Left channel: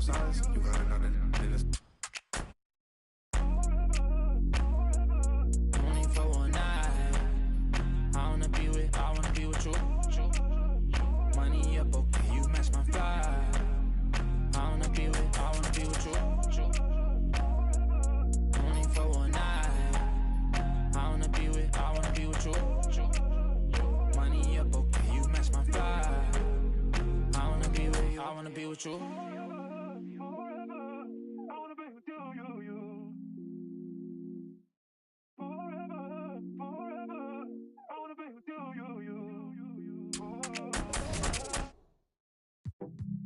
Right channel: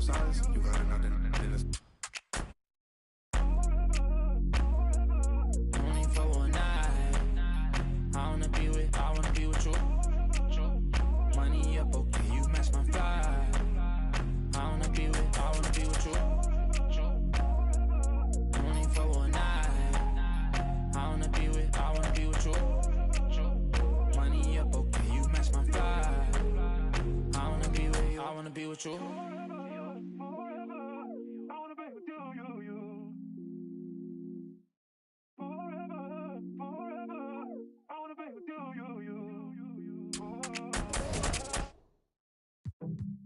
both sides. You got another nigga. Only for one night. I wanna be with you. Money up, okay, you match my fly. I wanna be with you. Only for one night. I wanna be with you. Money up, okay, you match my fly. I wanna be with you.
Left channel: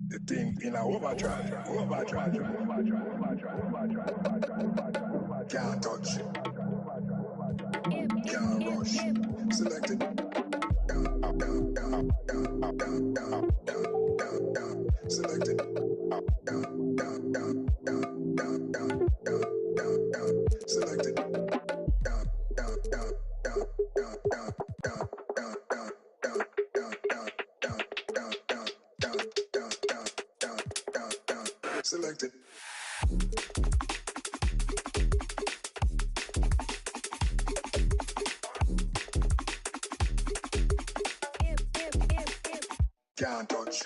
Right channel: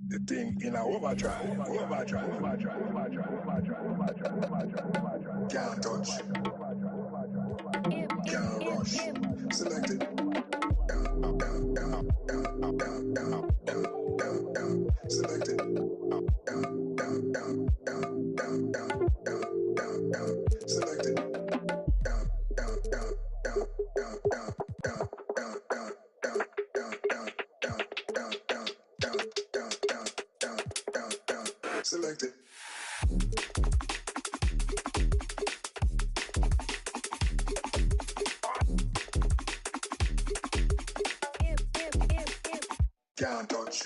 The thing in our overdrive. Can't touch, can't rush. Select it. Down. Select it. Down. Select it. Down. Select it. Can't touch.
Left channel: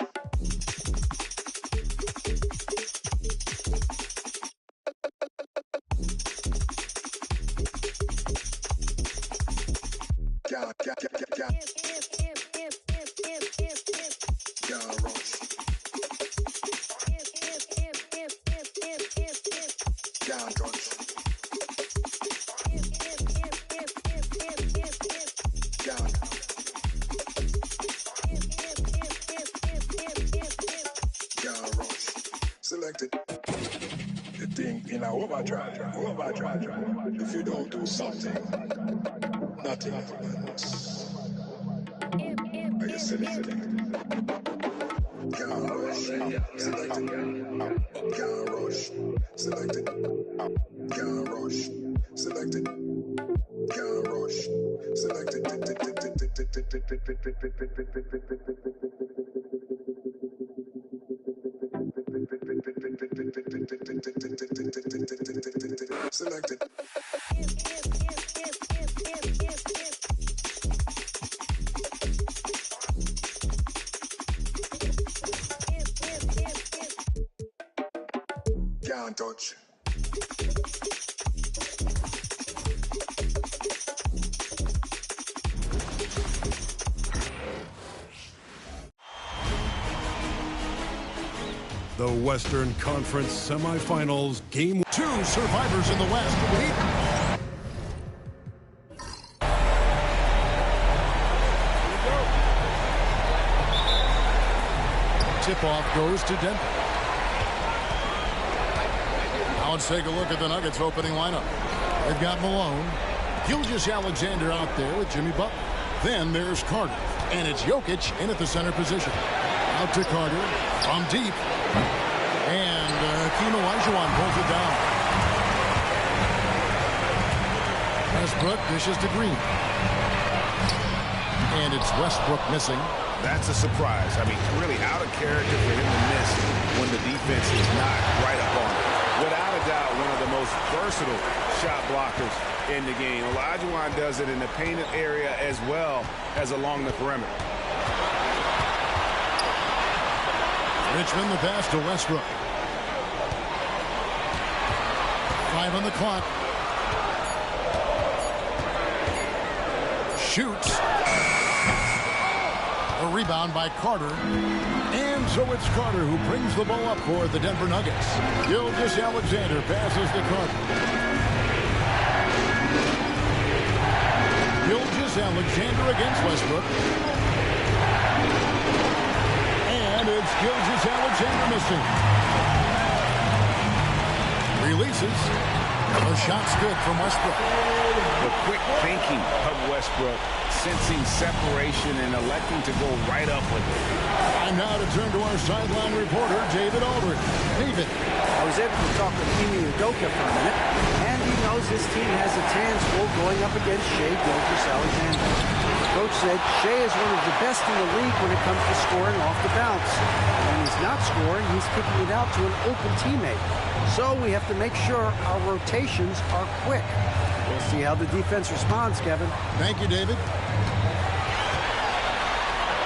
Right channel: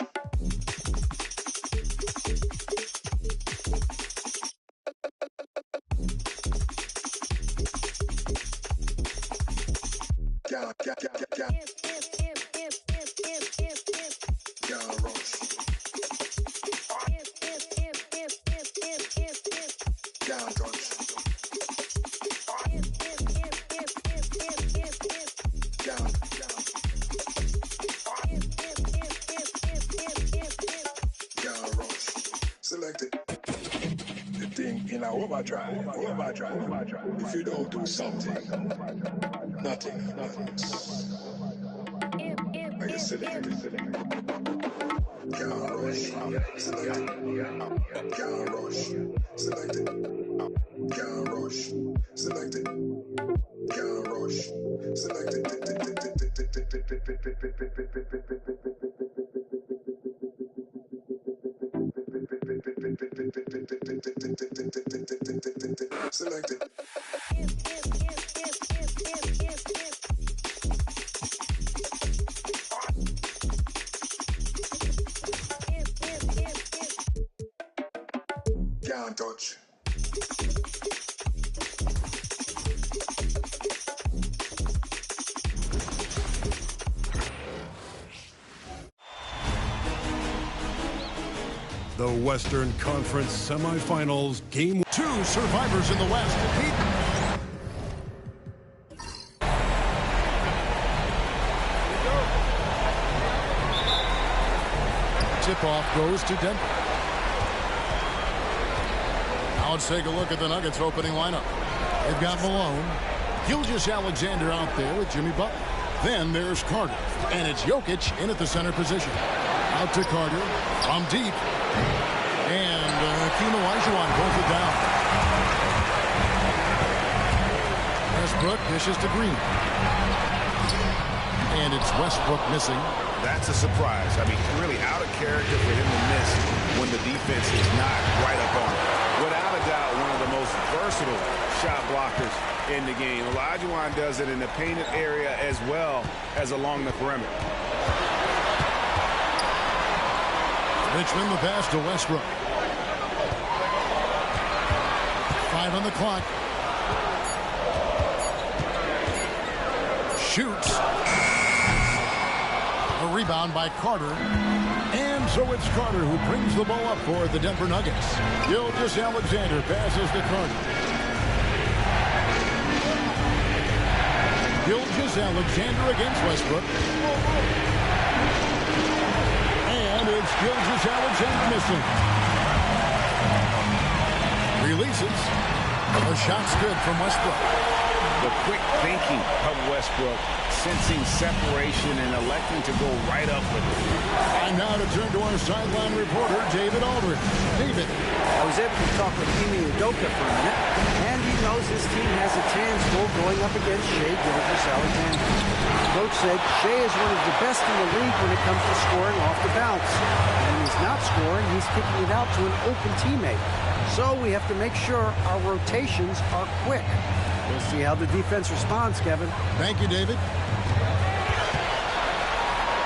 Can't rush. Can't touch. Can't rush. Select it. The thing in our overdrive. If you don't do something, nothing happens. Are you selecting? Can't rush. Select it. Can't rush. Select it. Can't rush. Select it. Can't rush. Select it. Select it. Can't touch. The Western Conference Semifinals, Game 2 survivors in the West meet. Tip-off goes to Denver. Now let's take a look at the Nuggets opening lineup. They've got Malone, Gilgeous-Alexander out there with Jimmy Butler. Then there's Carter, and it's Jokic in at the center position. Out to Carter from deep. And Hakeem Olajuwon pulls it down. Westbrook dishes to Green. And it's Westbrook missing. That's a surprise. I mean, really out of character for him to miss when the defense is not right up on him. Without a doubt, one of the most versatile shot blockers in the game. Olajuwon does it in the painted area as well as along the perimeter. Richmond the pass to Westbrook. 5 on the clock. Shoots. A rebound by Carter. And so it's Carter who brings the ball up for the Denver Nuggets. Gilgeous-Alexander passes to Carter. Gilgeous-Alexander against Westbrook. And it's Gilgeous-Alexander missing. Releases. The shot's good from Westbrook. The quick thinking of Westbrook, sensing separation and electing to go right up with it. And now to turn to our sideline reporter, David Aldridge. David. I was able to talk with Ime Udoka for a minute, and he knows his team has its hands full going up against Shai Gilgeous-Alexander. coach said Shea is one of the best in the league when it comes to scoring off the bounce. And when he's not scoring, he's kicking it out to an open teammate. So we have to make sure our rotations are quick. We'll see how the defense responds, Kevin. Thank you, David.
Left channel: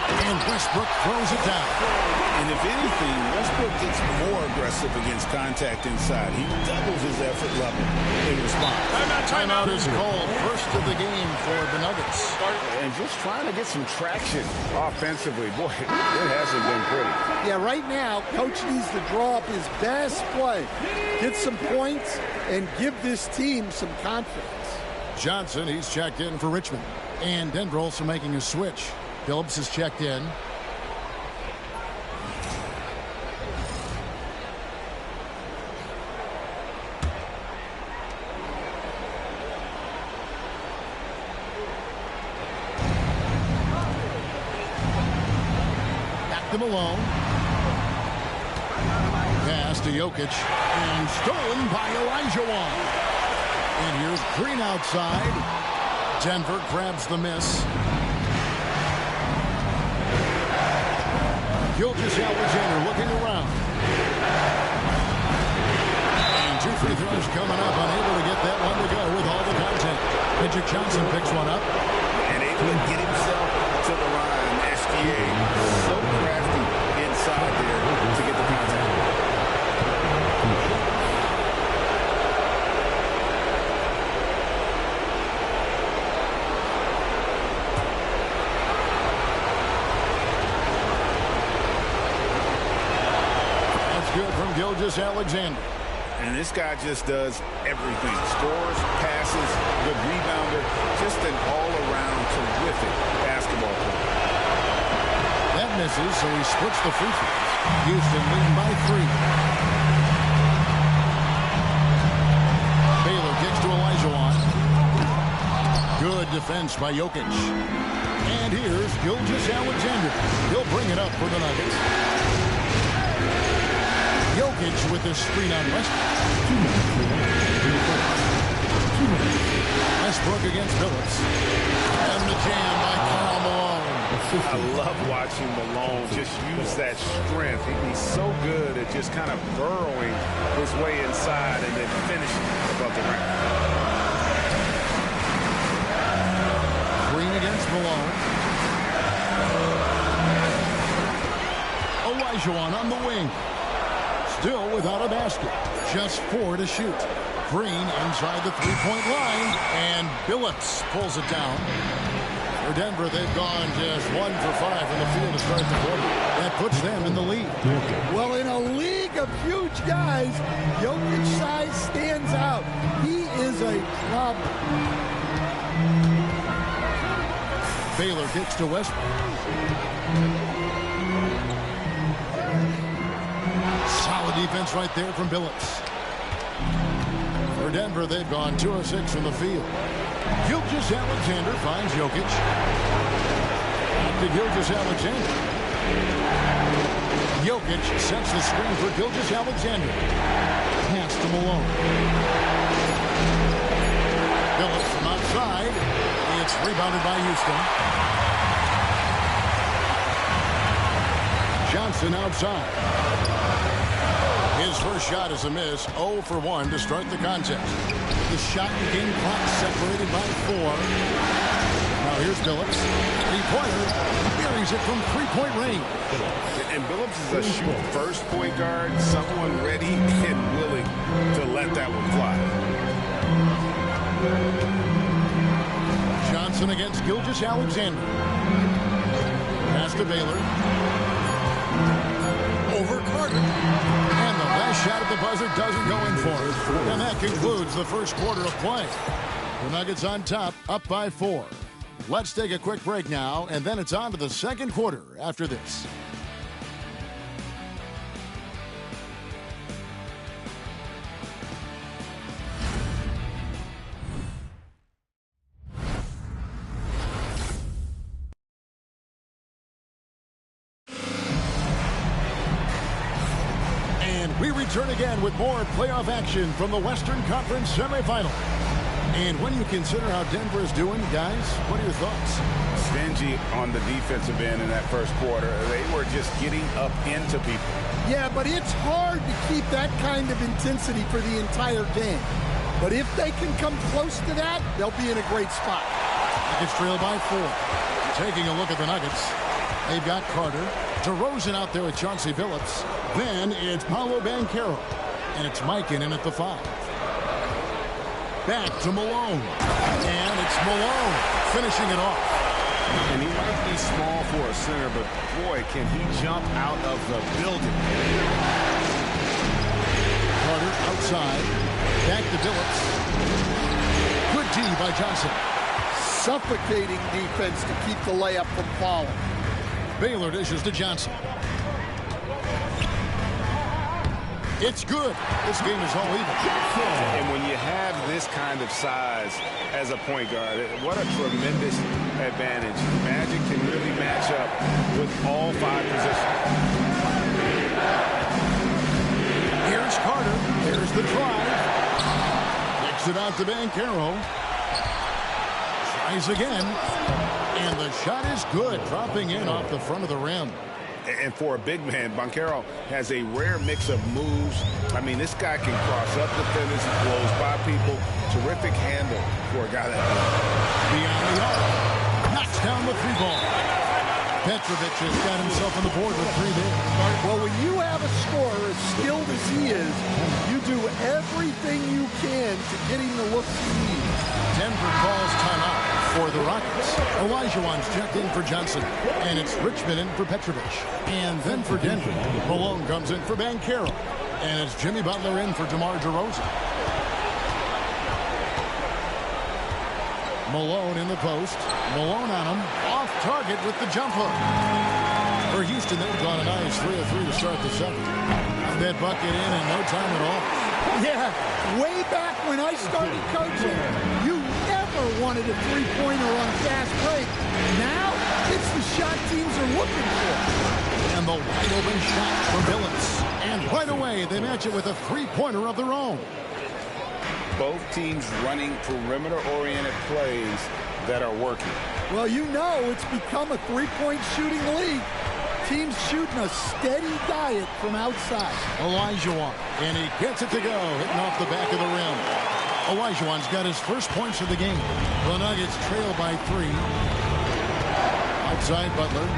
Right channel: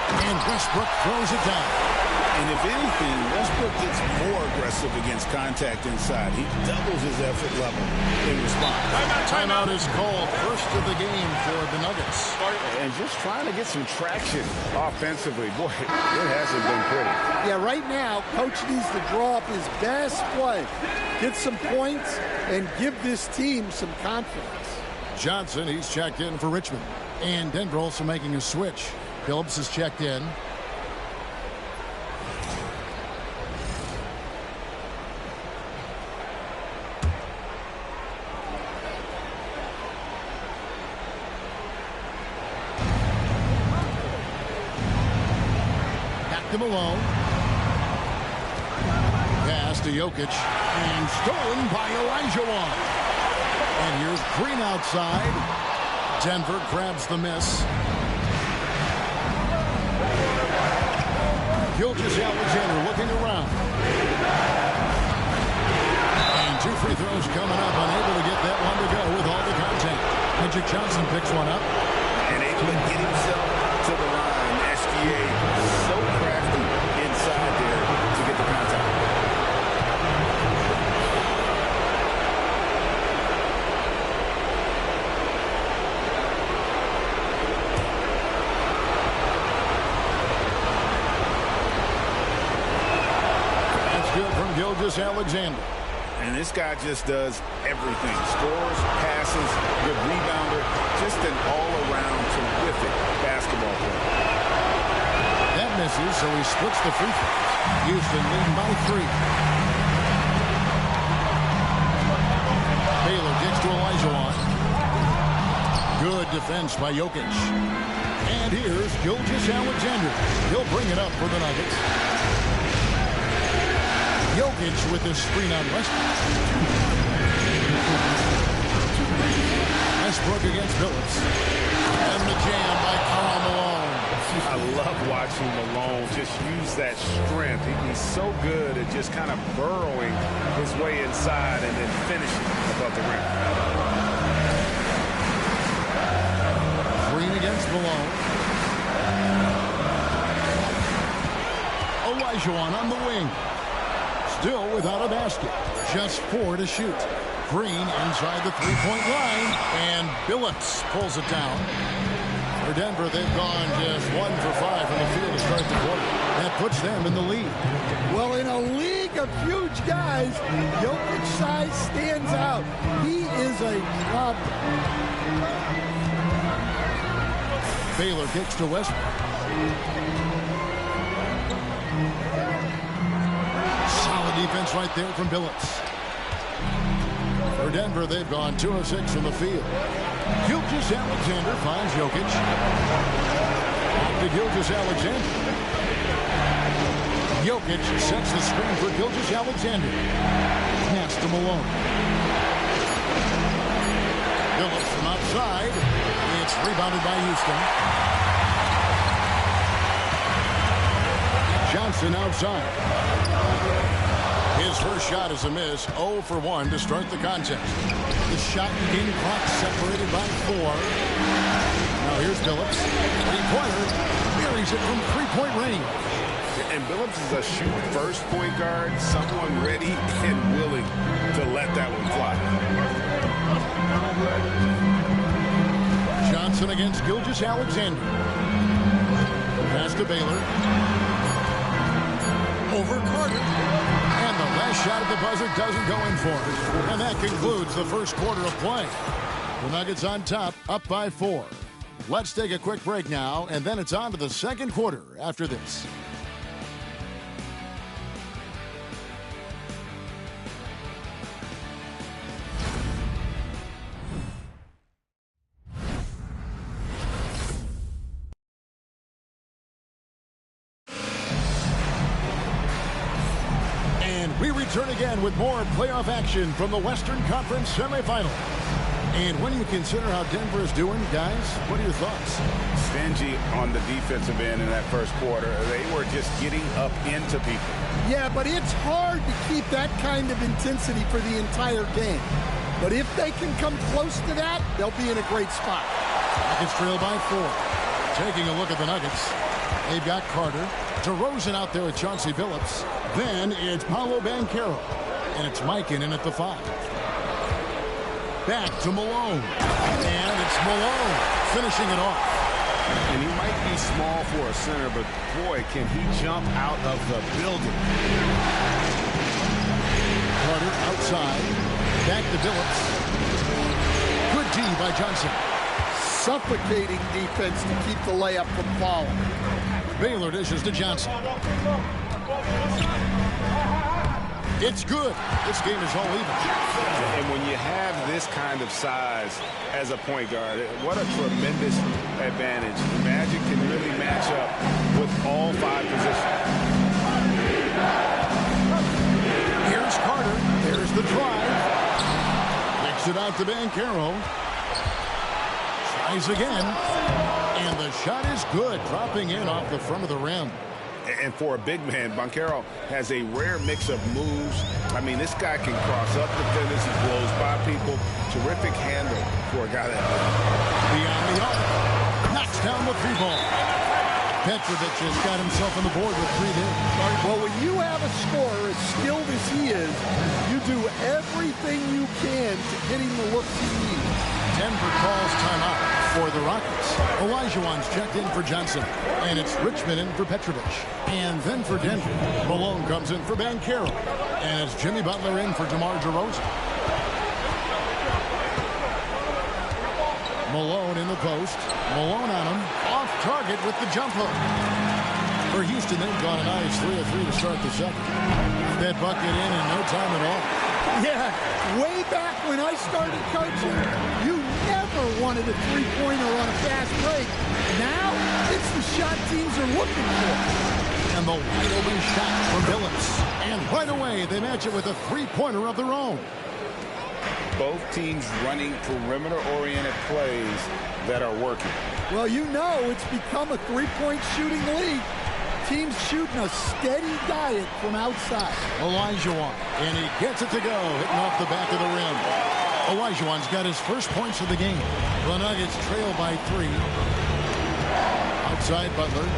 And Westbrook throws it down. And if anything, Westbrook gets more aggressive against contact inside. He doubles his effort level in response. Timeout is called. First of the game for the Nuggets. And just trying to get some traction offensively. Boy, it hasn't been pretty. Yeah, right now, Coach needs to draw up his best play, get some points, and give this team some confidence. Johnson, he's checked in for Richmond. And Denver also making a switch. Phillips is checked in. Back to Malone. Pass to Jokic. And stolen by Olajuwon. And here's Green outside. Denver grabs the miss. Gilgeous-Alexander looking around. And 2 free throws coming up. Unable to get that one to go with all the contact. Magic Johnson picks one up. And able to get himself to the line. SGA so crafty inside there to get the contact. Good from Gilgeous-Alexander. And this guy just does everything. Scores, passes, good rebounder, just an all-around terrific basketball player. That misses, so he splits the free throws. Houston leading by 3. Baylor kicks to Olajuwon. Good defense by Jokic. And here's Gilgeous-Alexander. He'll bring it up for the Nuggets. Jokic with the screen on Westbrook. Westbrook against Phillips. And the jam by Karl Malone. I love watching Malone just use that strength. He's so good at just kind of burrowing his way inside and then finishing above the rim. Green against Malone. Olajuwon on the wing. Still without a basket. Just 4 to shoot. Green inside the three-point line. And Billups pulls it down. For Denver, they've gone just 1 for 5 from the field to start the quarter. That puts them in the lead. Well, in a league of huge guys, Jokic's size stands out. He is a problem. Baylor kicks to Westbrook. Solid defense right there from Billups. For Denver, they've gone 2 of 6 from the field. Gilgeous-Alexander finds Jokic. Back to Gilgeous-Alexander. Jokic sets the screen for Gilgeous-Alexander. Pass to Malone. Billups from outside. It's rebounded by Houston. Johnson outside. His first shot is a miss. 0 for 1 to start the contest. The shot and game clock separated by 4. Now here's Billups. Three-pointer. Buries it from three-point range. And Billups is a shoot-first point guard. Someone ready and willing to let that one fly. Johnson against Gilgeous-Alexander. Pass to Baylor. Over Carter. And the last shot at the buzzer doesn't go in for it. And that concludes the first quarter of play. The Nuggets on top, up by 4. Let's take a quick break now, and then it's on to the second quarter after this. And we return again with more playoff action from the Western Conference semifinal. And when you consider how Denver is doing, guys, what are your thoughts? Stingy on the defensive end in that first quarter. They were just getting up into people. Yeah, but it's hard to keep that kind of intensity for the entire game. But if they can come close to that, they'll be in a great spot. Nuggets trail by 4. Taking a look at the Nuggets. They've got Carter. DeRozan out there with Chauncey Billups. Then it's Paolo Banchero. And it's Mike in at the 5. Back to Malone. And it's Malone finishing it off. And he might be small for a center, but boy, can he jump out of the building. Carter outside. Back to Billups. Good D by Johnson. Suffocating defense to keep the layup from falling. Baylor dishes to Johnson. It's good. This game is all even. And when you have this kind of size as a point guard, what a tremendous advantage. Magic can really match up with all 5 positions. Here's Carter. There's the drive. Kicks it out to Banchero. Tries again. And the shot is good. Dropping in off the front of the rim. And for a big man, Banchero has a rare mix of moves. I mean, this guy can cross up defenders. He blows by people. Terrific handle for a guy that big. Beyond the arc. Knocks down the 3-ball. Petrovic has got himself on the board with 3 there. Well, when you have a scorer as skilled as he is, you do everything you can to get him the looks he needs. Denver calls timeout for the Rockets. Olajuwon's checked in for Johnson. And it's Richmond in for Petrovic. And then for Denver, Malone comes in for Banchero. And it's Jimmy Butler in for DeMar DeRozan. Malone in the post. Malone on him. Off target with the jumper. For Houston, they've gone a nice 3 of 3 to start the second. That bucket in no time at all. Yeah, way back when I started coaching, you never wanted a three-pointer on a fast break. Now, it's the shot teams are looking for. And the wide open shot for Billups. And right away, they match it with a three-pointer of their own. Both teams running perimeter-oriented plays that are working. Well, you know it's become a three-point shooting league. Teams shooting a steady diet from outside. Olajuwon, and he gets it to go, hitting off the back of the rim. Olajuwon's got his first points of the game. The Nuggets trail by 3. Outside Butler.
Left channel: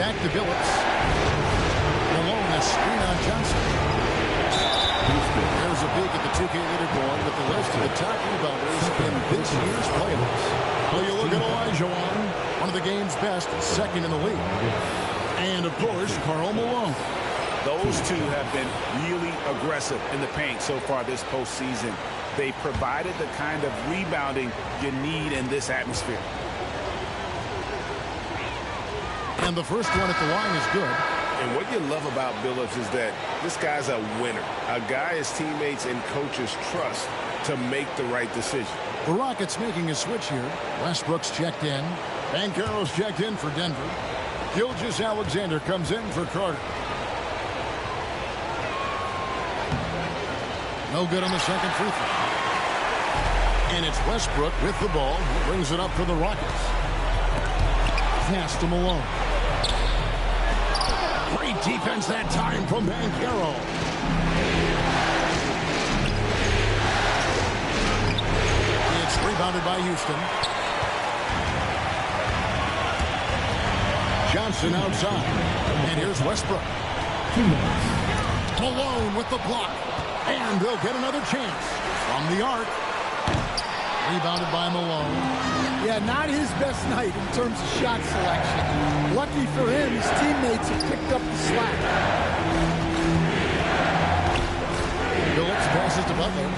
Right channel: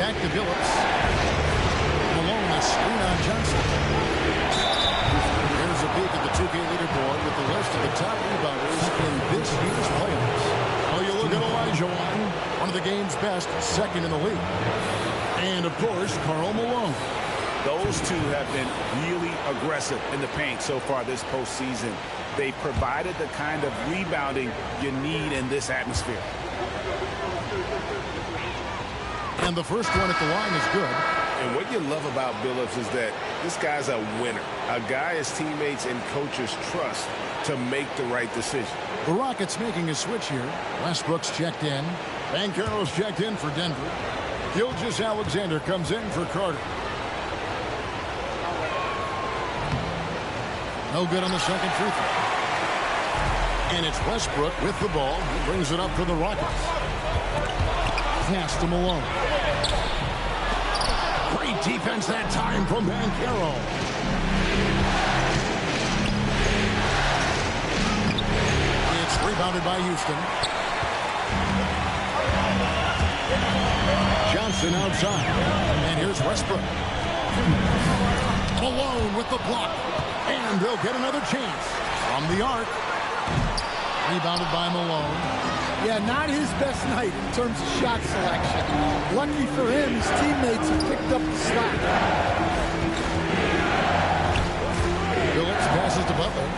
Back to Billups. Malone, a screen on Johnson. There's a peek at the 2K leaderboard with the list of the top rebounders in this year's playoffs. Well, you look at Olajuwon, one of the game's best, second in the league. And, of course, Karl Malone. Those two have been really aggressive in the paint so far this postseason. They provided the kind of rebounding you need in this atmosphere. And the first one at the line is good. And what you love about Billups is that this guy's a winner. A guy his teammates and coaches trust to make the right decision. The Rockets making a switch here. Westbrook's checked in. Banchero's checked in for Denver. Gilgeous-Alexander comes in for Carter. No good on the second free throw. And it's Westbrook with the ball. He brings it up for the Rockets. Pass to Malone. Great defense that time from Banchero. It's rebounded by Houston. Johnson outside. And here's Westbrook. Malone with the block. And they'll get another chance from the arc. Rebounded by Malone. Yeah, not his best night in terms of shot selection. Lucky for him, his teammates have picked up the slack. Billups passes to Butler.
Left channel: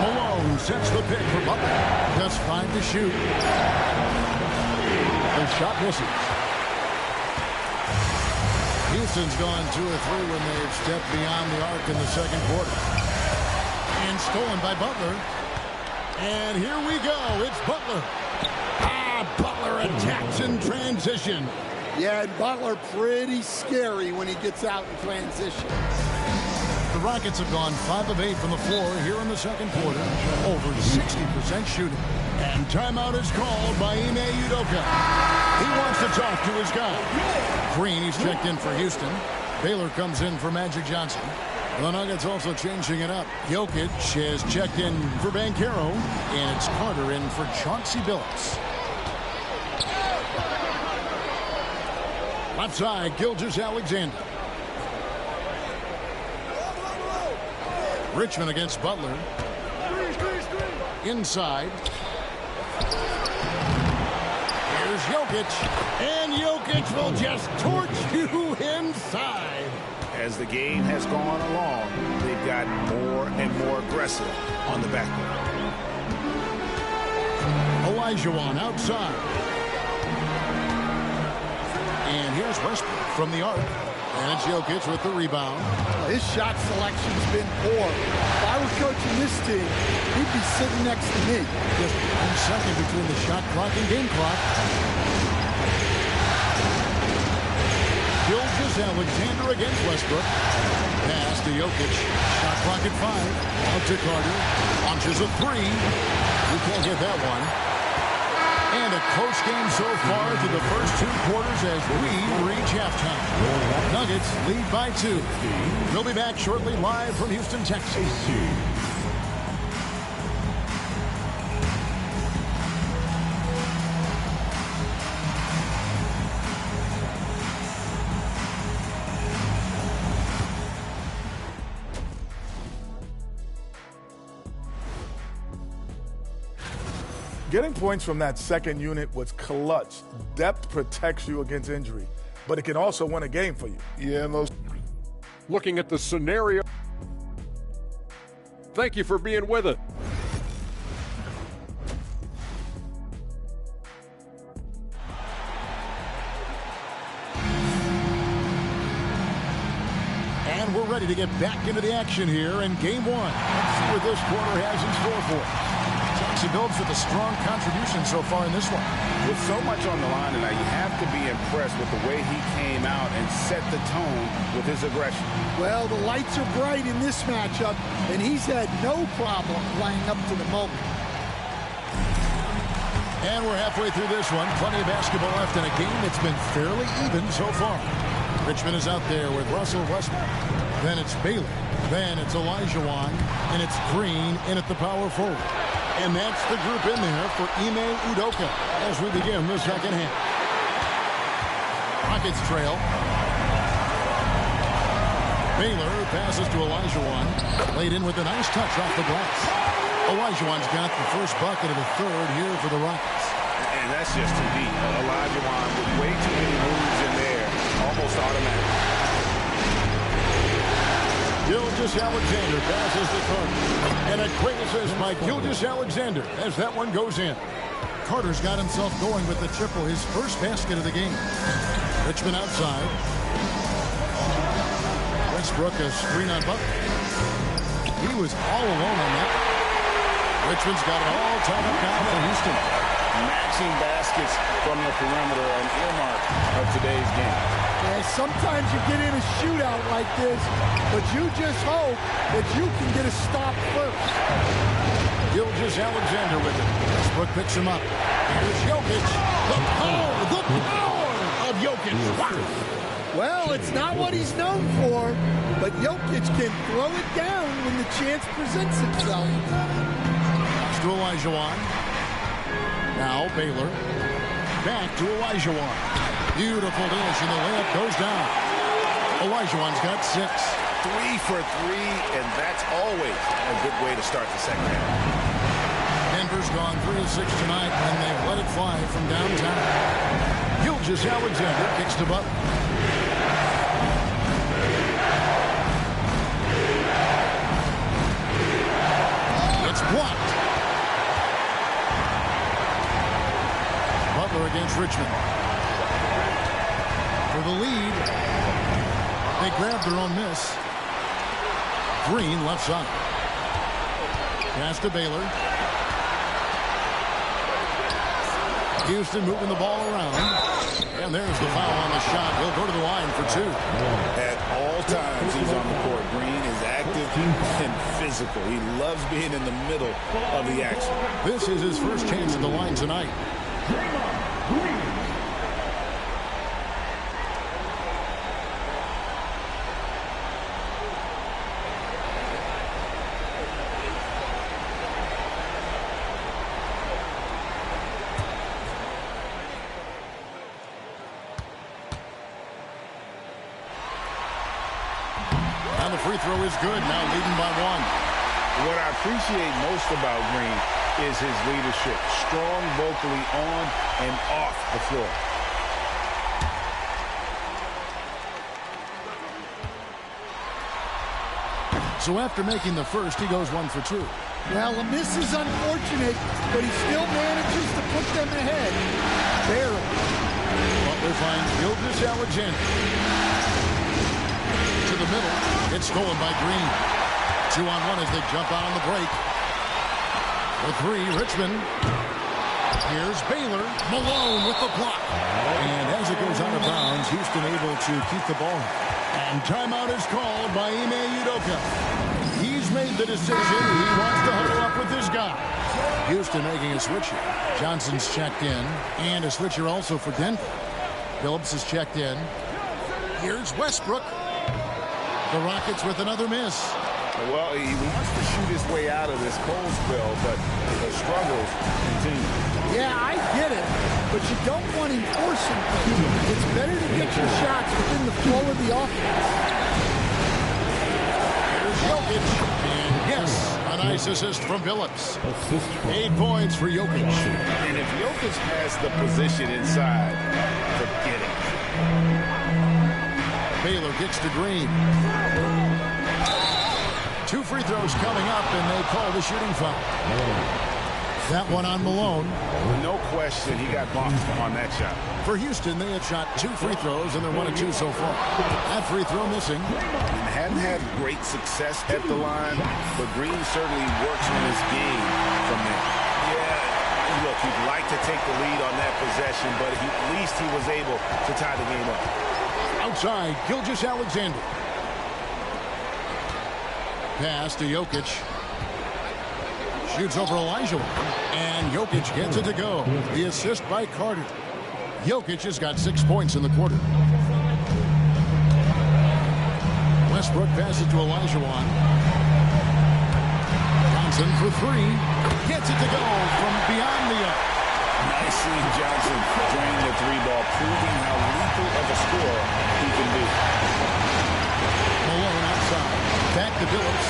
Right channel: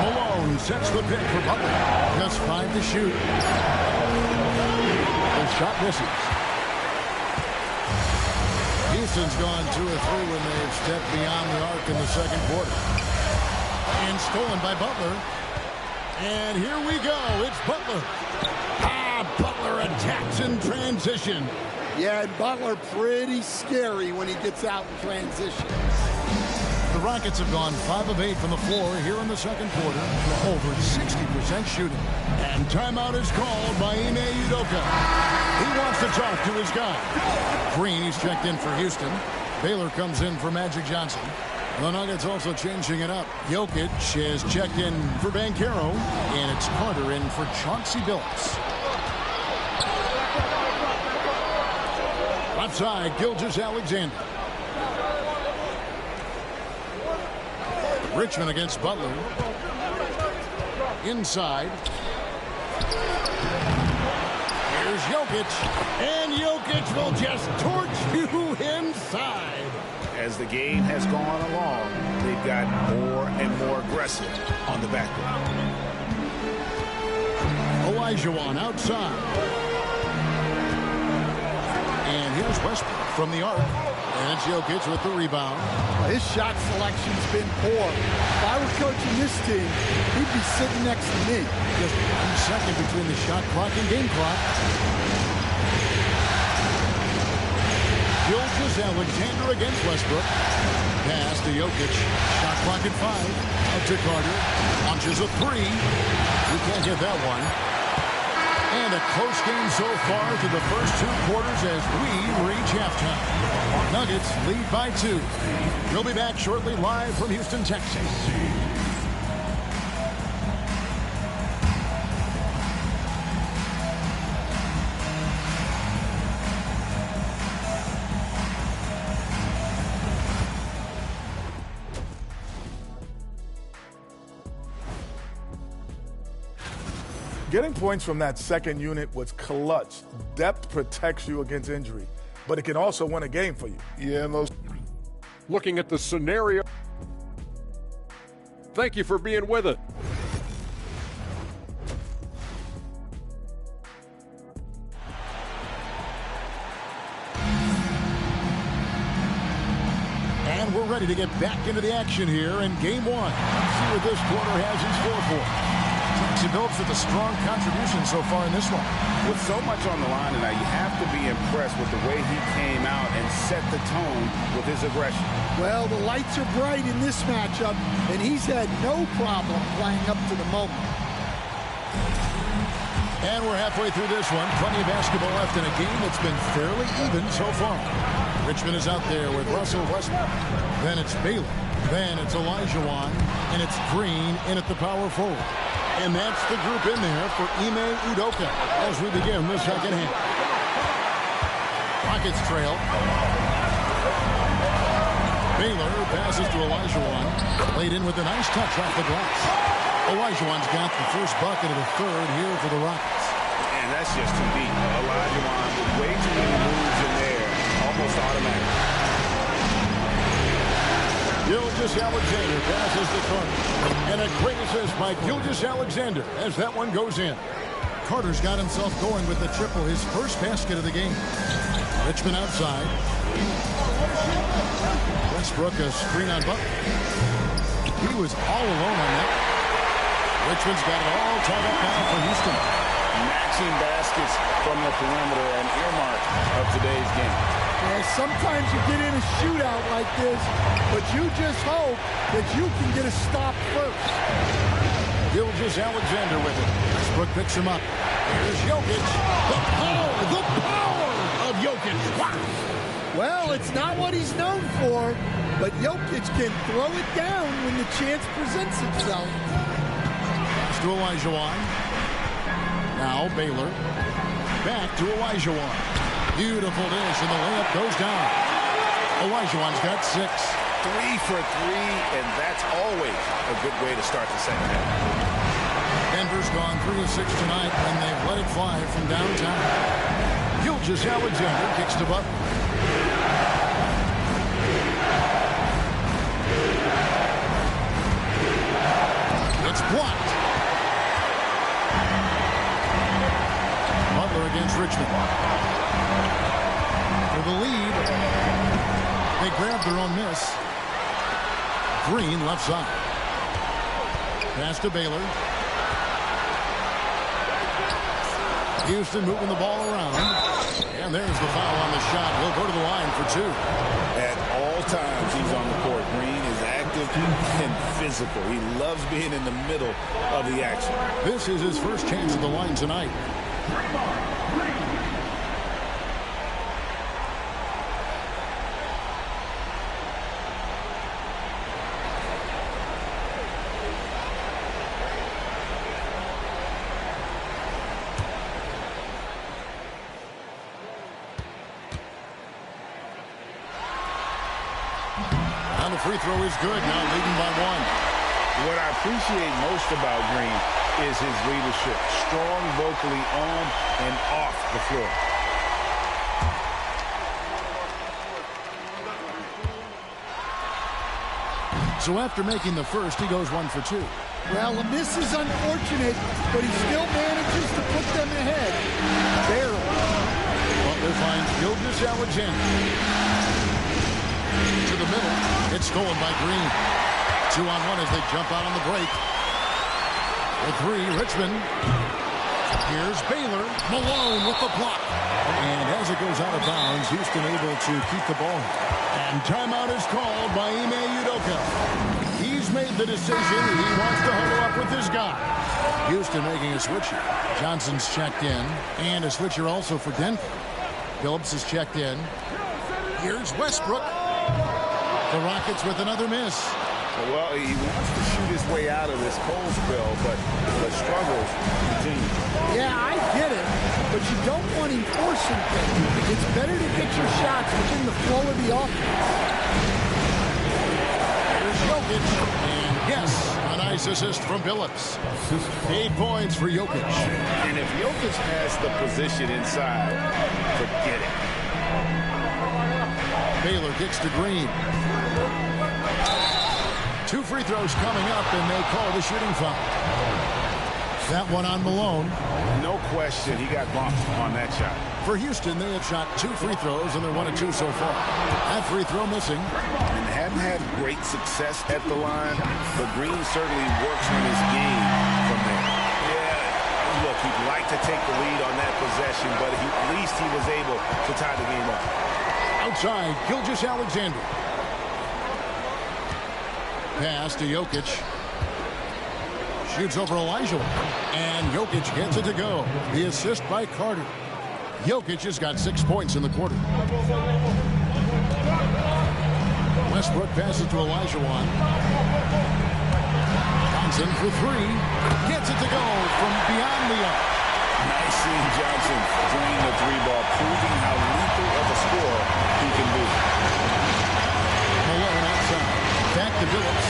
Malone sets the pick for Butler. Just 5 to shoot. The shot misses. Houston's gone 2 of 3 when they've stepped beyond the arc in the second quarter. And stolen by Butler. And here we go. It's Butler. Butler attacks in transition. Yeah, and Butler pretty scary when he gets out in transition. Rockets have gone 5 of 8 from the floor here in the second quarter. Over 60% shooting. And timeout is called by Ime Udoka. He wants to talk to his guy. Green, he's checked in for Houston. Baylor comes in for Magic Johnson. The Nuggets also changing it up. Jokic has checked in for Banchero. And it's Carter in for Chauncey Billups. Left side, Gilgeous-Alexander. Richmond against Butler. Inside. Here's Jokic. And Jokic will just torch you inside. As the game has gone along, they've gotten more and more aggressive on the backcourt. Olajuwon outside. And here's Westbrook from the arc. And it's Jokic with the rebound. Well, his shot selection's been poor. If I were coaching this team, he'd be sitting next to me. Just 1 second between the shot clock and game clock. Gilgeous-Alexander against Westbrook. Pass to Jokic. Shot clock at 5. Out to Carter. Launches a 3. He can't get that one. And a close game so far through the first 2 quarters as we reach halftime. Nuggets lead by 2. We'll be back shortly live from Houston, Texas. Getting points from that second unit was clutch. Depth protects you against injury, but it can also win a game for you. Yeah, looking at the scenario. Thank you for being with us. And we're ready to get back into the action here in game 1. Let's see what this quarter has in store for us. Chauncey Billups with a strong contribution so far in this one. With so much on the line tonight, you have to be impressed with the way he came out and set the tone with his aggression. Well, the lights are bright in this matchup, and he's had no problem playing up to the moment. And we're halfway through this one. Plenty of basketball left in a game that's been fairly even so far. Richmond is out there with Russell Westbrook. Then it's Baylor. Then it's Olajuwon. And it's Green in at the power forward. And that's the group in there for Ime Udoka as we begin the second half. Rockets trail. Baylor passes to Olajuwon. Laid in with a nice touch off the glass. Olajuwon's got the first bucket of the third here for the Rockets. And that's just too deep. Olajuwon with way too many moves in there. Almost automatic. Gilgeous-Alexander passes to Carter. And a great assist by Gilgeous-Alexander as that one goes in. Carter's got himself going with the triple, his first basket of the game. Richmond outside. Westbrook a screen on Butler. He was all alone on that one. Richmond's got it all tied up now for Houston. Matching baskets from the perimeter, an earmark of today's game. Yeah, sometimes you get in a shootout like this, but you just hope that you can get a stop first. Gilgeous-Alexander with it. Westbrook picks him up. Here's Jokic. The power of Jokic. Wow. Well, it's not what he's known for, but Jokic can throw it down when the chance presents itself. Pass to Olajuwon. Now Baylor. Back to Olajuwon. Beautiful dish, and the layup goes down. Olajuwon's got 6. 3 for 3, and that's always a good way to start the second half. Denver's gone 3 of 6 tonight when they've let it fly from downtown. Gilgeous-Alexander kicks to Butler. It's blocked. Butler against Richmond. For the lead. They grab their own miss. Green left side. Pass to Baylor. Houston moving the ball around. And there's the foul on the shot. He'll go to the line for 2. At all times, he's on the court. Green is active and physical. He loves being in the middle of the action. This is his first chance at the line tonight. And the free throw is good, now leading by 1. What I appreciate most about Green is his leadership. Strong vocally on and off the floor. So after making the first, he goes 1 for 2. Well, a miss is unfortunate, but he still manages to put them ahead. Barely. Butler finds Gilgeous-Alexander. To the middle. It's stolen by Green. 2-on-1 as they jump out on the break. For 3, Richmond. Here's Baylor. Malone with the block. And as it goes out of bounds, Houston able to keep the ball. And timeout is called by Ime Udoka. He's made the decision. He wants to huddle up with his guy. Houston making a switcher. Johnson's checked in. And a switcher also for Denver. Phillips is checked in. Here's Westbrook. The Rockets with another miss. Well, he wants to shoot his way out of this cold spell, but the struggles continue. Yeah, I get it, but you don't want him forcing things. It's better to get your shots within the flow of the offense. Here's Jokic, and yes, a nice assist from Phillips. 8 points for Jokic. And if Jokic has the position inside, forget it. Baylor kicks to Green. 2 free throws coming up, and they call the shooting foul. That one on Malone. No question, he got bumped on that shot. For Houston, they have shot 2 free throws, and they're 1 of 2 so far. That free throw missing. And hadn't had great success at the line, but Green certainly works on his game from there. Yeah, look, he'd like to take the lead on that possession, but at least he was able to tie the game up. Outside, Gilgeous-Alexander. Pass to Jokic. Shoots over Elijah. And Jokic gets it to go. The assist by Carter. Jokic has got 6 points in the quarter. Westbrook passes to Olajuwon. Johnson for 3. Gets it to go from beyond the arc. Nice seeing Johnson drain the 3 ball, proving how lethal of a scorer he can be. Malone outside. Back to Phillips.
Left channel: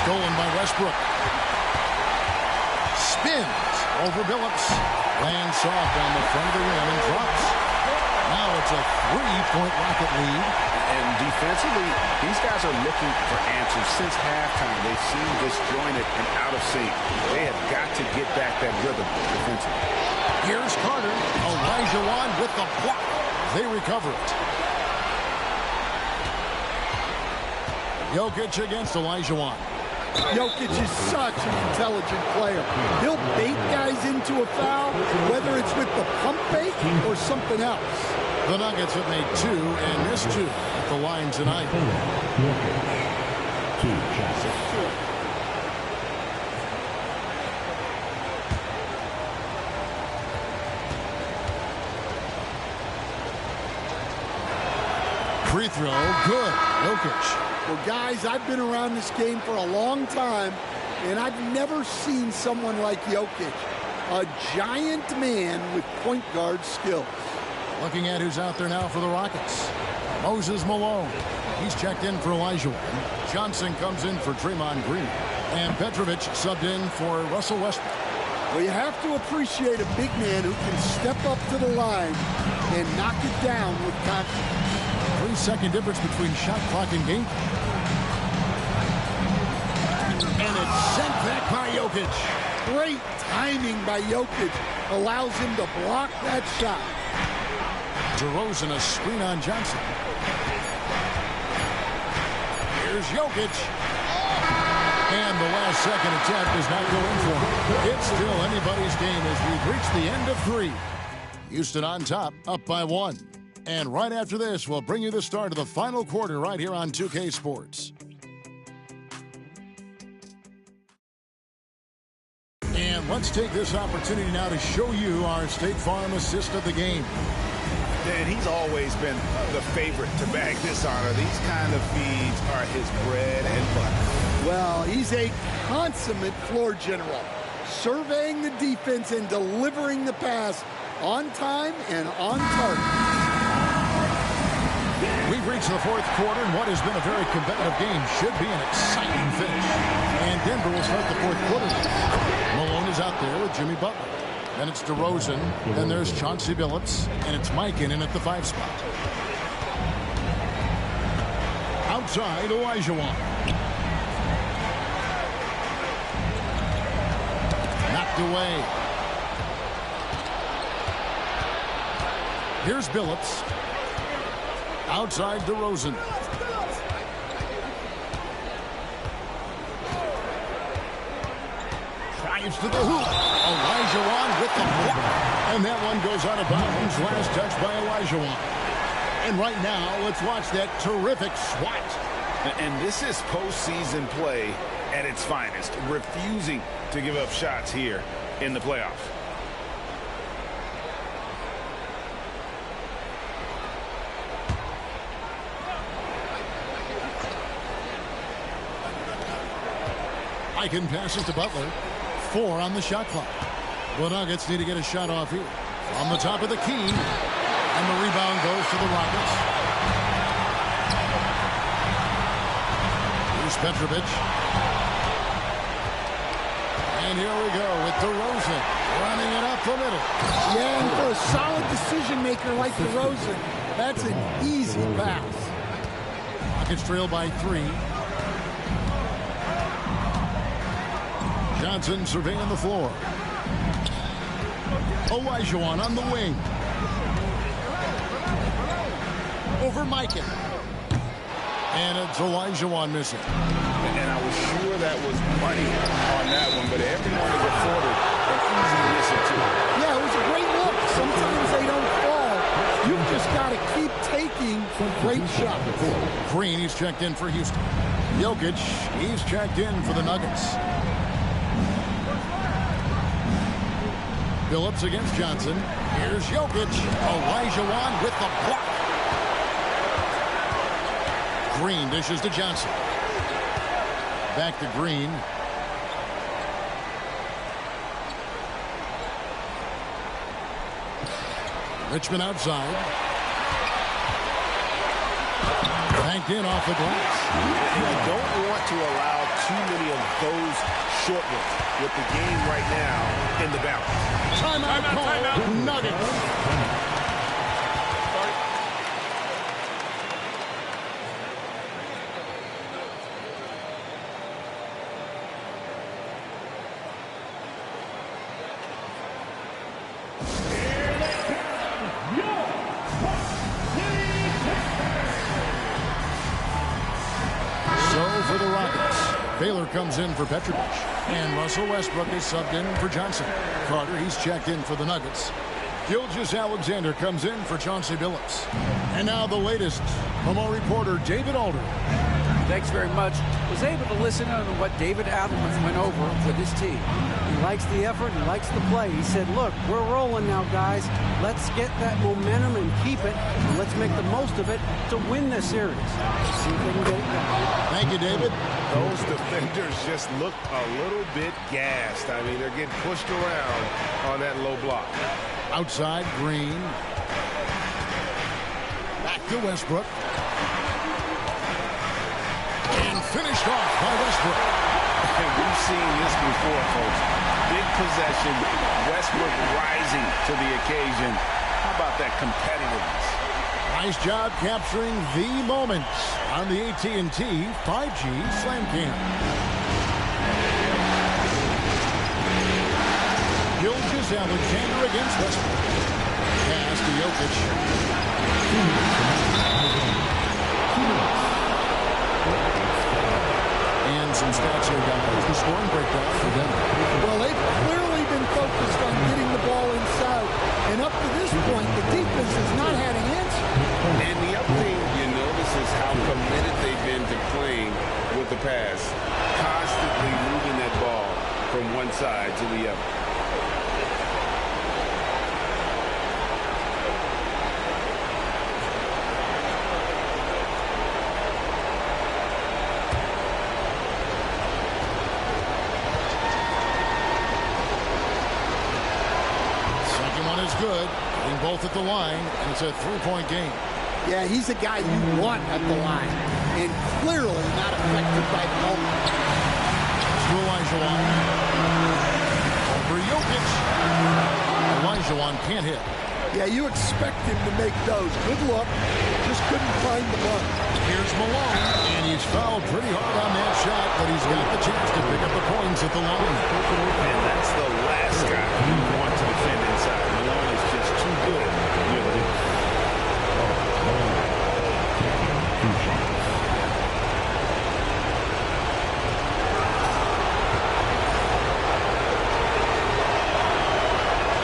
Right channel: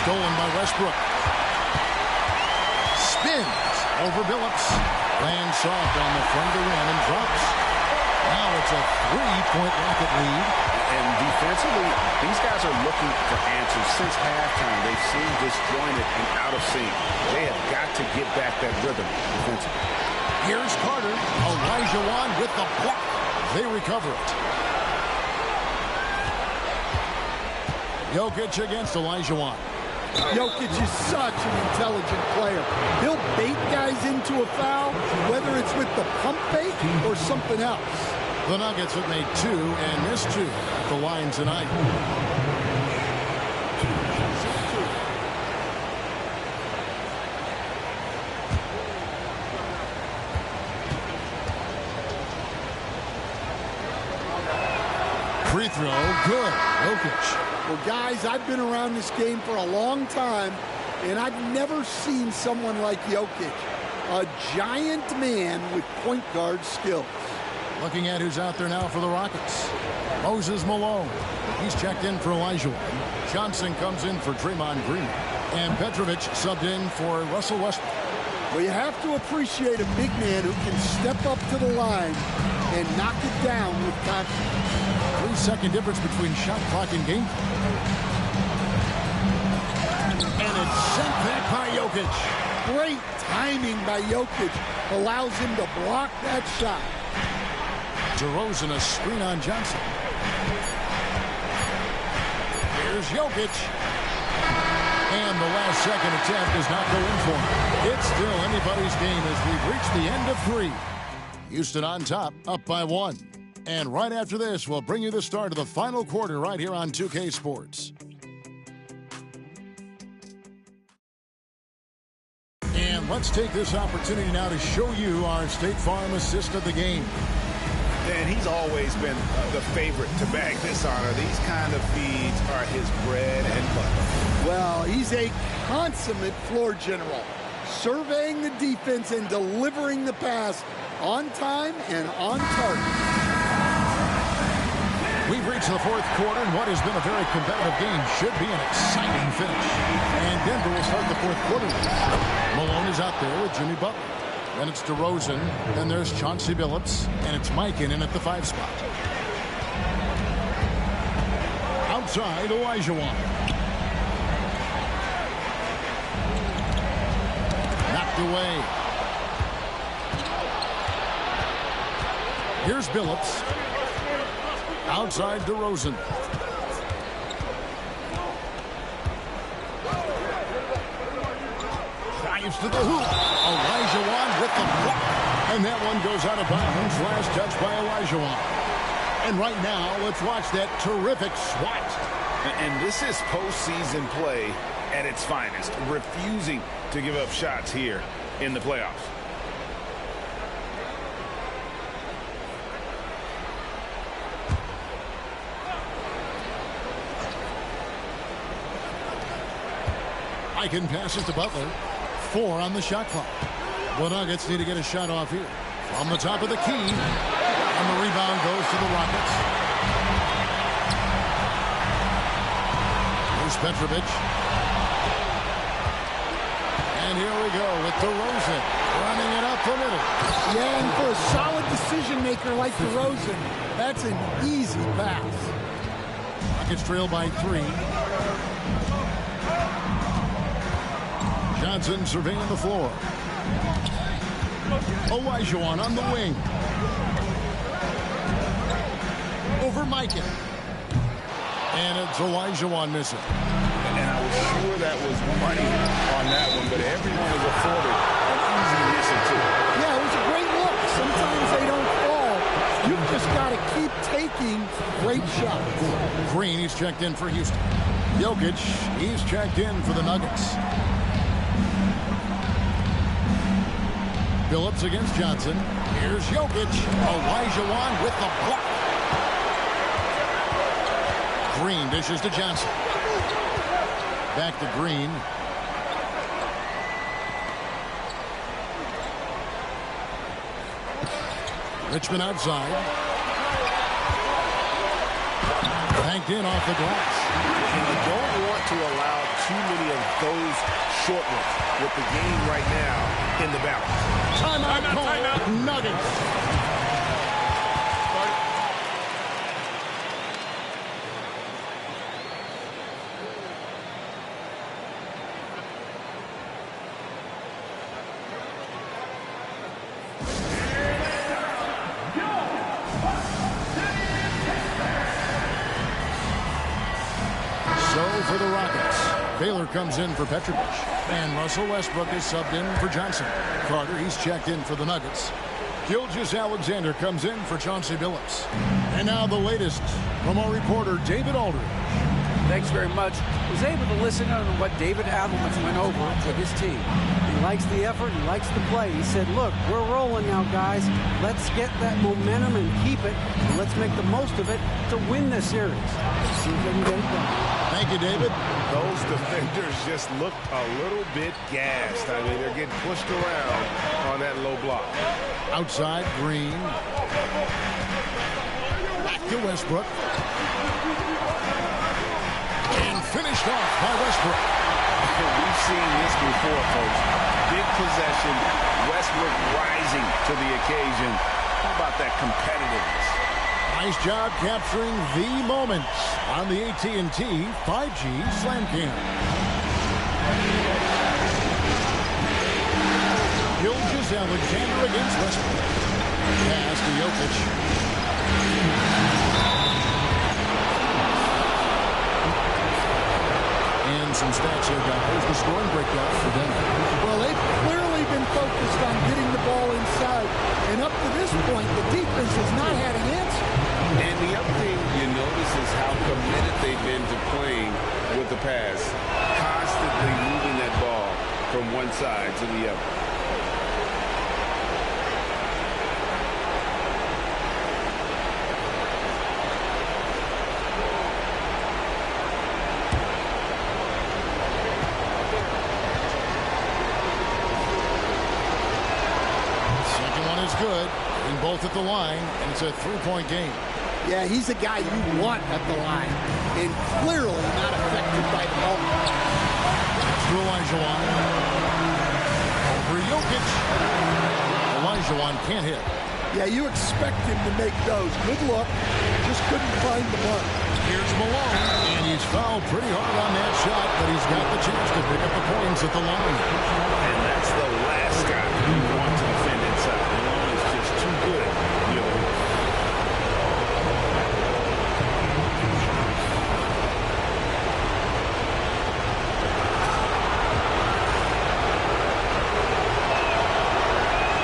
Stolen by Westbrook. Spins over Phillips. Lands soft on the front of the rim and drops. Now it's a 3-point Rocket lead. And defensively, these guys are looking for answers since halftime. They've seen disjointed and out of sync. They have got to get back that rhythm defensively. Here's Carter. Olajuwon with the block. They recover it. Jokic against Olajuwon. Jokic is such an intelligent player. He'll bait guys into a foul, whether it's with the pump fake or something else. The Nuggets have made 2 and missed 2 at the line tonight. Free throw, good. Jokic. Well, guys, I've been around this game for a long time, and I've never seen someone like Jokic. A giant man with point guard skills. Looking at who's out there now for the Rockets. Moses Malone. He's checked in for Olajuwon. Johnson comes in for Draymond Green. And Petrovic subbed in for Russell Westbrook. Well, you have to appreciate a big man who can step up to the line and knock it down with confidence. 3-second difference between shot clock and game. And it's sent back by Jokic. Great timing by Jokic allows him to block that shot. DeRozan a screen on Johnson. Here's Jokic. And the last-second attempt does not go in for him. It's still anybody's game as we've reached the end of 3. Houston on top, up by 1. And right after this, we'll bring you the start of the final quarter right here on 2K Sports. And let's take this opportunity now to show you our State Farm assist of the game. And he's always been the favorite to bag this honor. These kind of feeds are his bread and butter. Well, he's a consummate floor general, surveying the defense and delivering the pass on time and on target. We've reached the 4th quarter, and what has been a very competitive game should be an exciting finish. And Denver will start the 4th quarter. Malone is out there with Jimmy Butler. Then it's DeRozan. Then there's Chauncey Billups. And it's Mike in at the 5 spot. Outside, Olajuwon. Knocked away. Here's Billups. Outside DeRozan. Drives to the hoop. Olajuwon with the block. And that one goes out of bounds. Last touch by Olajuwon. And right now, let's watch that terrific swat. And this is postseason play at its finest. Refusing to give up shots here in the playoffs. Aiken passes to Butler. 4 on the shot clock. The Nuggets need to get a shot off here. From the top of the key. And the rebound goes to the Rockets. Here's Petrovic. And here we go with DeRozan running it up the middle. Yeah, and for a solid decision maker like DeRozan, that's an easy pass. Rockets trail by 3. Johnson surveying the floor. Olajuwon on the wing. Over Mikan. And it's Olajuwon missing. And I was sure that was money on that one, but everyone is afforded an easy missing too. Yeah, it was a great look. Sometimes they don't fall. You've just got to keep taking great shots. Green, he's checked in for Houston. Jokic, he's checked in for the Nuggets. Billups against Johnson. Here's Jokic. Olajuwon with the block. Green dishes to Johnson. Back to Green. Richmond outside. Banked in off the glass. And you don't want to allow too many of those short ones with the game right now in the balance. Timeout call. Nuggets. For the Rockets, Baylor comes in for Petrovic, and Russell Westbrook is subbed in for Johnson. Carter, he's checked in for the Nuggets. Gilgeous-Alexander comes in for Chauncey Billups. And now the latest from our reporter, David Aldridge. Thanks very much. Was able to listen to what David Adelman went over with his team. He likes the effort. He likes the play. He said, look, we're rolling now, guys. Let's get that momentum and keep it. And let's make the most of it to win this series. Let's see if they can get it done. Thank you, David. Those defenders just look a little bit gassed. I mean, they're getting pushed around on that low block. Outside, Green. Back to Westbrook. And finished off by Westbrook. And we've seen this before, folks. Big possession, Westbrook rising to the occasion. How about that competitiveness? Nice job capturing the moments on the AT&T 5G Slam Cam. Gilgeous-Alexander against Westbrook. Pass to Jokic. And some stats here, guys. The scoring breakdown for Denver. Well, they've clearly been focused on getting the ball inside. And up to this point, the defense has not had an answer. And the other thing you notice is how committed they've been to playing with the pass. Constantly moving that ball from one side to the other. Is good, hitting both at the line, and it's a three-point game. Yeah, he's a guy you want at the line, and clearly not affected by the moment. Pass to Olajuwon. Over Jokic. Olajuwon can't hit. Yeah, you expect him to make those. Good look. Just couldn't find the mark. Here's Malone, and he's fouled pretty hard on that shot, but he's got the chance to pick up the points at the line. And that's the last guy you want to defend inside. Malone is just too good near the hoop.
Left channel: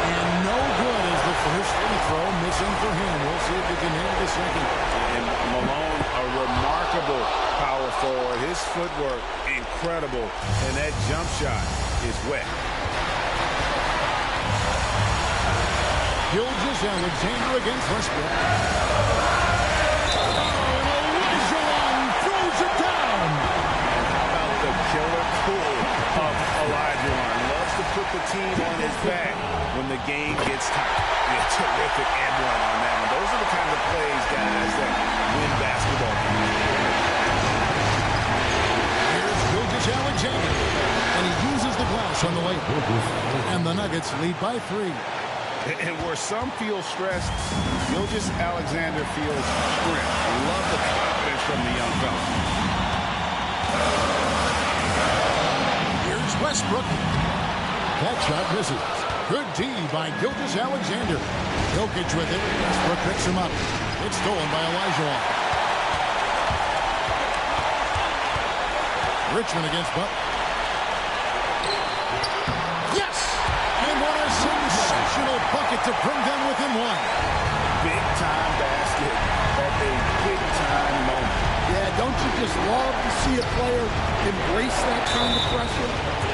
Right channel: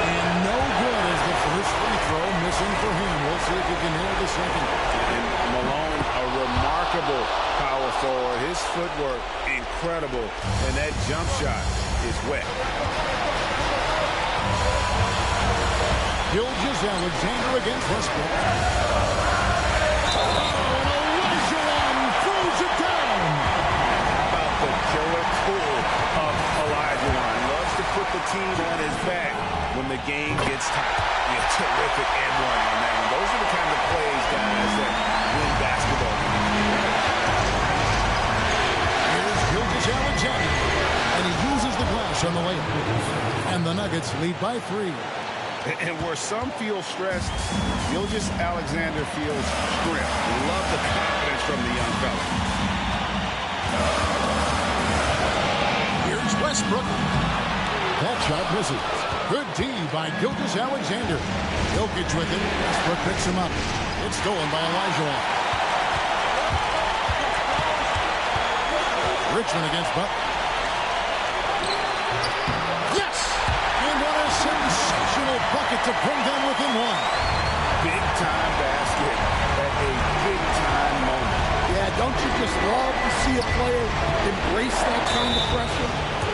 And no good as the first free throw missing for him. We'll see if he can nail the second. And Malone, a remarkable power forward. His footwork, incredible. And that jump shot is wet. Gilgeous-Alexander against Westbrook. Oh, and Olajuwon throws it down. And how about the killer cool of Olajuwon? Loves to put the team on his back when the game gets tight. Yeah, terrific and one on that one. Those are the kind of plays, guys, that win basketball games. Here's Gilgeous-Alexander, and he uses the glass on the layup. And the Nuggets lead by 3. And where some feel stressed, Gilgeous-Alexander feels strength. Love the confidence from the young fella. Here's Westbrook. That shot misses. Good D by Gilgeous-Alexander. Jokic with it. Westbrook picks him up. It's stolen by Olajuwon. Richmond against Butler. Yes! And what a sensational bucket to bring them within one. Big-time basket at a big-time moment. Yeah, don't you just love to see a player embrace that kind of pressure?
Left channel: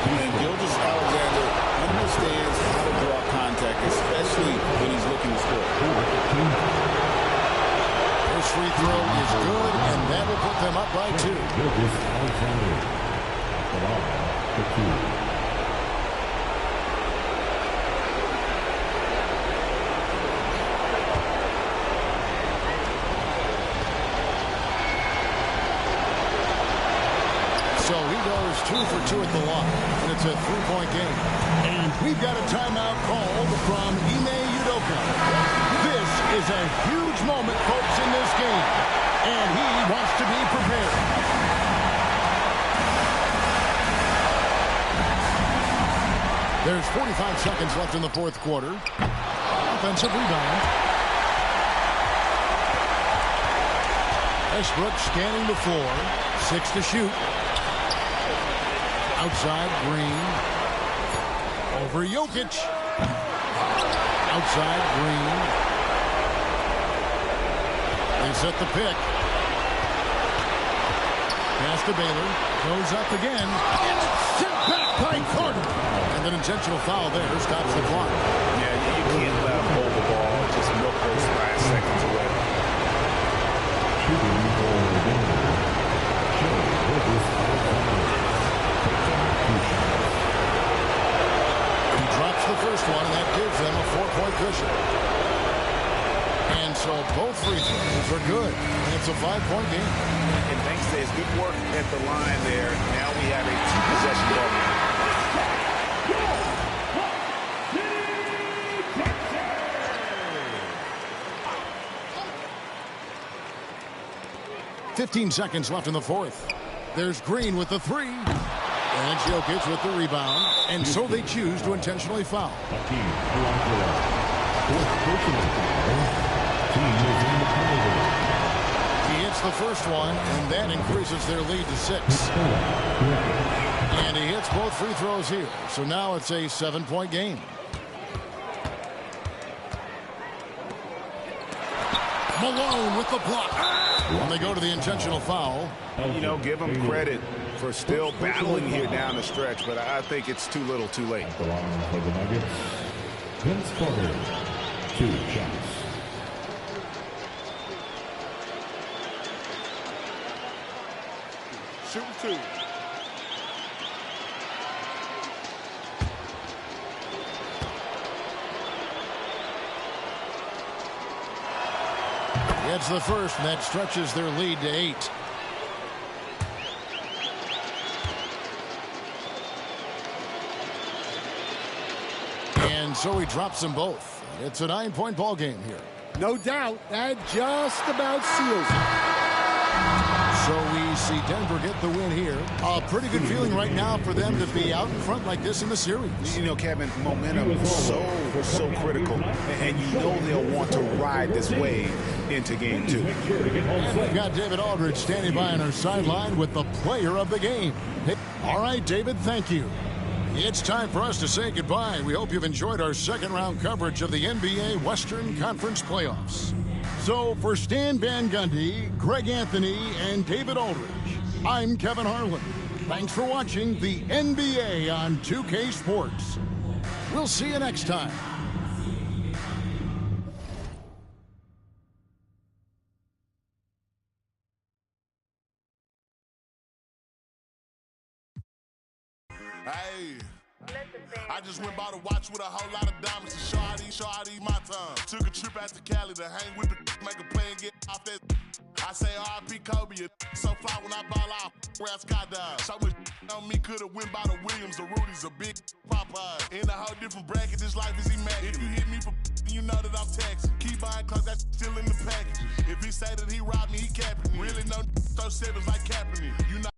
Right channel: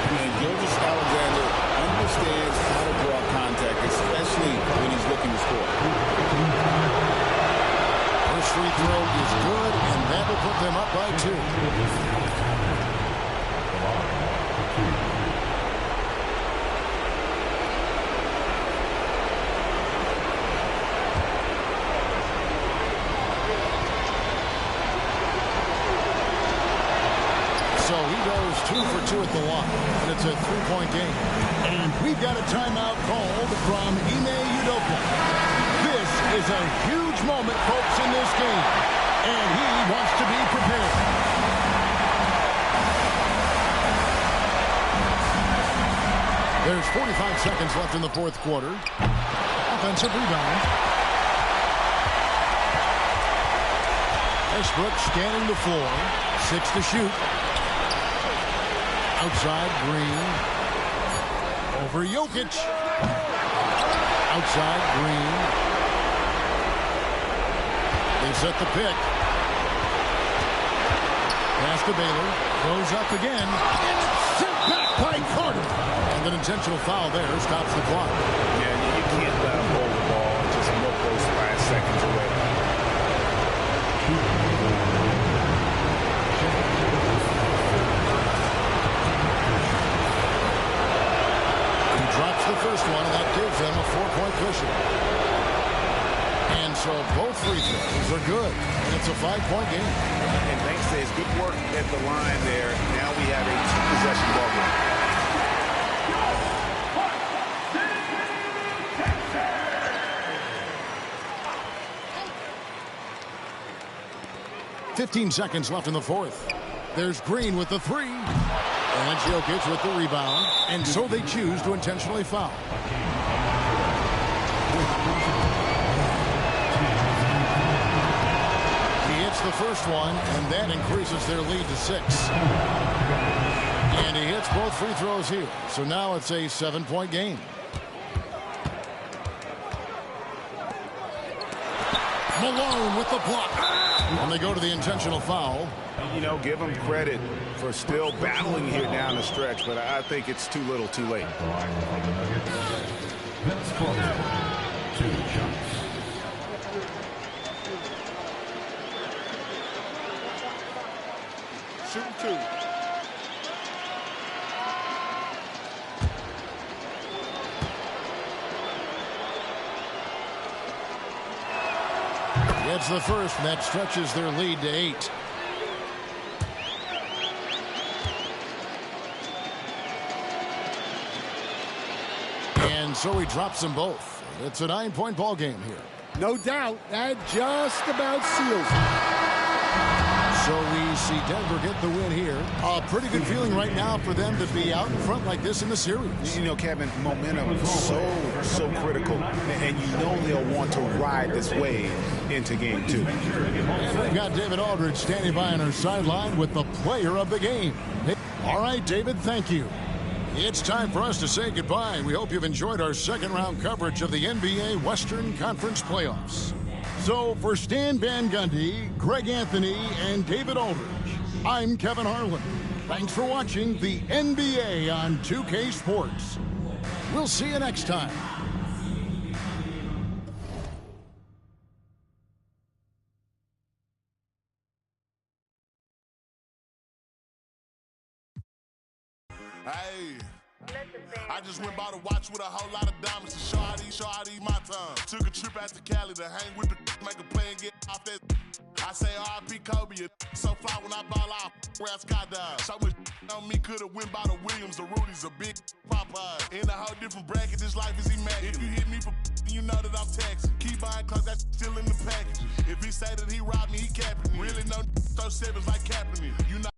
And Gilgeous-Alexander understands how to draw contact, especially when he's looking to score. First free throw is good, and that will put them up by 2. So he goes 2 for 2 at the line, and it's a 3-point game. And we've got a timeout called from Ime Udoka. This is a huge moment, folks, in this game, and he wants to be prepared. There's 45 seconds left in the fourth quarter. Offensive rebound. Westbrook scanning the floor. 6 to shoot. Outside, Green. Over Jokic. Outside, Green. They set the pick. Pass to Baylor. Goes up again. And it's sent back by Carter. And an intentional foul there stops the clock. Yeah, you can't let him hold the ball and just milk those last seconds away. He drops the first one, and that gives them a 4-point cushion. And so both free throws are good, and it's a 5-point game. And thanks to his good work at the line there, now we have a 2-possession ball game. 15 seconds left in the fourth. There's Green with the 3. And Jokic with the rebound. And so they choose to intentionally foul. He hits Hits the first one, and that increases their lead to 6. And he hits both free throws here. So now it's a 7-point game. Malone with the block. And they go to the intentional foul. You know, give him credit for still battling here down the stretch, but I think it's too little too late. At the line for the Nuggets, Vince Carter, 2 shots. Shooting 2. It's the first, and that stretches their lead to 8. And so he drops them both. It's a 9-point ball game here. No doubt, that just about seals it. So we see Denver get the win here. A pretty good feeling right now for them to be out in front like this in the series. You know, Kevin, momentum so critical, and you know they'll want to ride this wave into game 2. And we've got David Aldridge standing by on our sideline with the player of the game. All right, David, thank you. It's time for us to say goodbye. We hope you've enjoyed our second-round coverage of the NBA Western Conference Playoffs. So for Stan Van Gundy, Greg Anthony, and David Aldridge, I'm Kevin Harlan. Thanks for watching the NBA on 2K Sports. We'll see you next time. Hey, I just went by the watch with a whole lot of diamonds to show how these my time. Took a trip out to Cali to hang with the make a play and get off that. I say R.I.P. Kobe, so fly when I ball out, around skydive. So much on me could've went by the Williams, the Rudies, a big Popeye. In a whole different bracket, this life is immaculate. If you hit me for you know that I'm taxing. Keep buying cause that's still in the package. If he say that he robbed me, he capping me. Really no throw sevens like Kaepernick. You know